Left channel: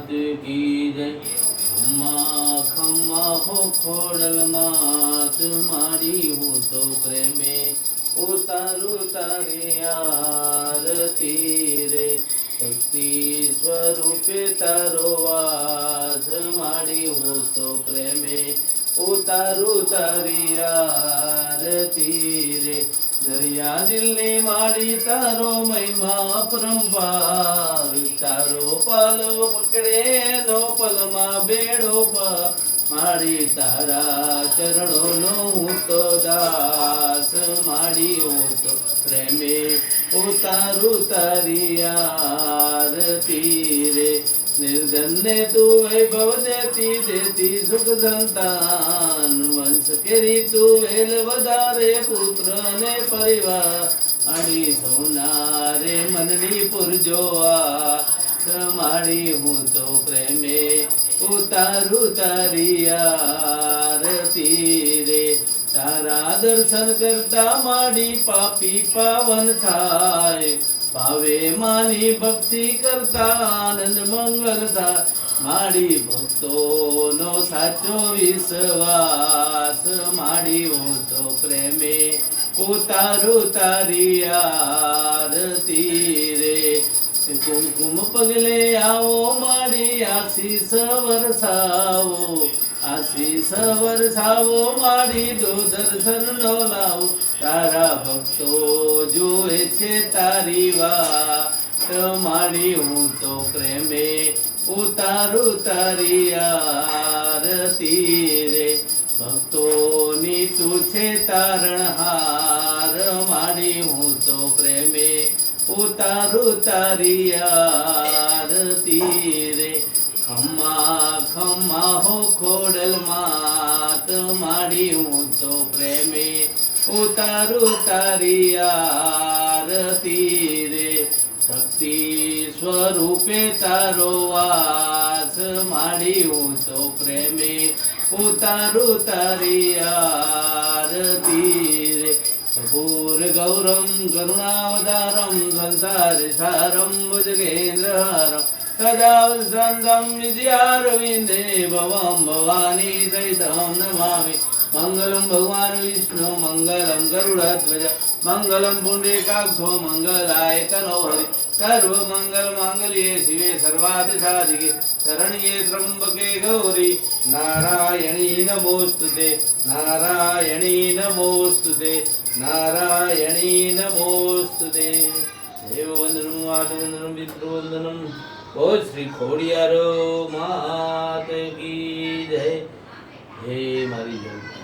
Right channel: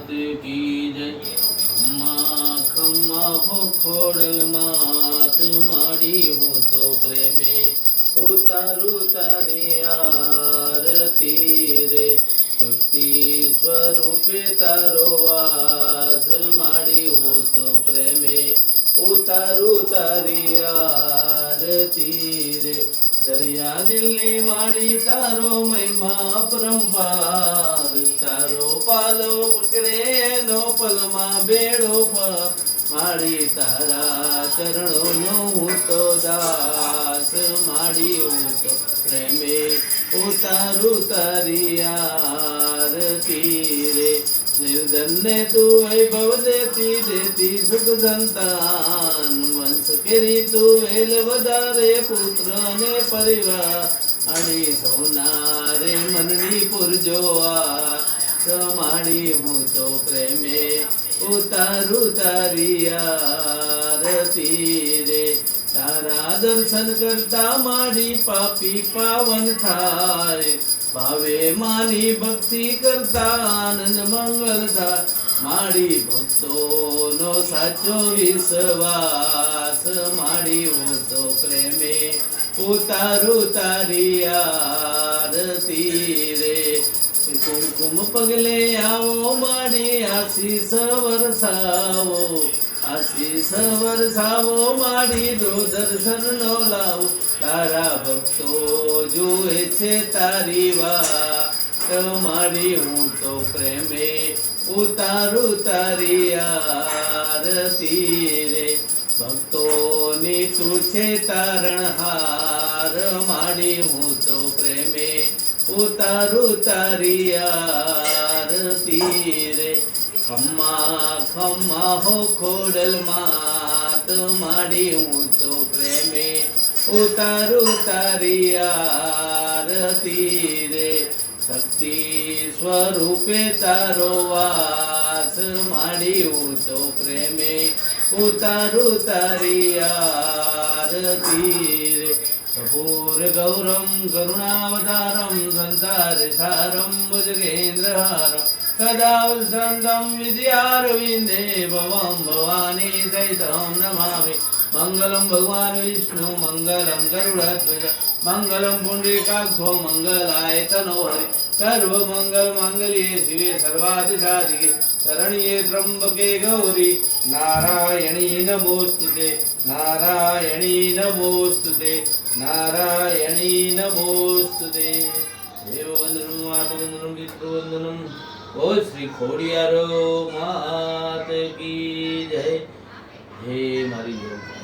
मात की जय। खम्मा खम्मा हो खोडल मात मारी हूँ तो प्रेमे उतारू तारी आरती रे। शक्ति स्वरूपे तारो वास मारी हूँ तो प्रेमे उतारू तारी आरती रे। दरिया दिल्ली माड़ी तारो महिमा अपरंपार। तारो पालो पकड़े नो पलमा बेड़ो माड़ी तारा चरणों नो हूँ तो दास माड़ी हूँ तो प्रेमे उतारू तारी आरती रे। निर्धन ने तू वैभव देती देती सुख संतान। वंश केरी तू वेल वधारे पुत्र ने परिवार। अड़ी सोनारे मननी पुरजोआ माड़ी हूँ तो प्रेमे उतारू तारी आरती रे। तारा दर्शन करता माड़ी पापी पावन थाय। भावे मानी भक्ति करता आनंद मंगल था। माड़ी भक्तो नो साचो विश्वास माड़ी हो तो प्रेमे उतारू तारी आरती रे। कुमकुम पगले आओ माड़ी आशीष वरसाओ। आशीष वरसाओ माड़ी दो दर्शन नो लाओ। तारा भक्तो जुए छे तारी वाट माड़ी हूँ तो प्रेमे उतारू तारी आरती रे। भक्तो नी तू छे तारणहार माड़ी हूँ तो प्रेमे उतारू तारी आरती रे। खम्मा खम्मा हो खोडल मात माड़ी हूँ तो प्रेमे उतारू तारी आरती रे। शक्ति स्वरूपे तारो वास माड़ी हूँ तो प्रेमे उतारू तारी आरती रे। कपूर गौरम करुणावतारम संसार सारम भुजगेन्द्रहारम सदा वसन्तं विद्यारविन्दे भवं भवानी सहितं नमामि। मंगलम भगवान विष्णु मंगलम गरुड़ध्वज मंगलम पुंडरीकाक्षो मंगलाय तनो हरि। सर्व मंगल मांगल्ये शिवे सर्वार्थ साधिके शरण्ये त्र्यंबके गौरी नारायणी नमोस्तुते नारायणी नमोस्तुते नारायणी नमोस्तुते। देववंदनम वाटवंदनम पितृवंदनम। ओ श्री खोडियारो मात की जय। हे मारी जय।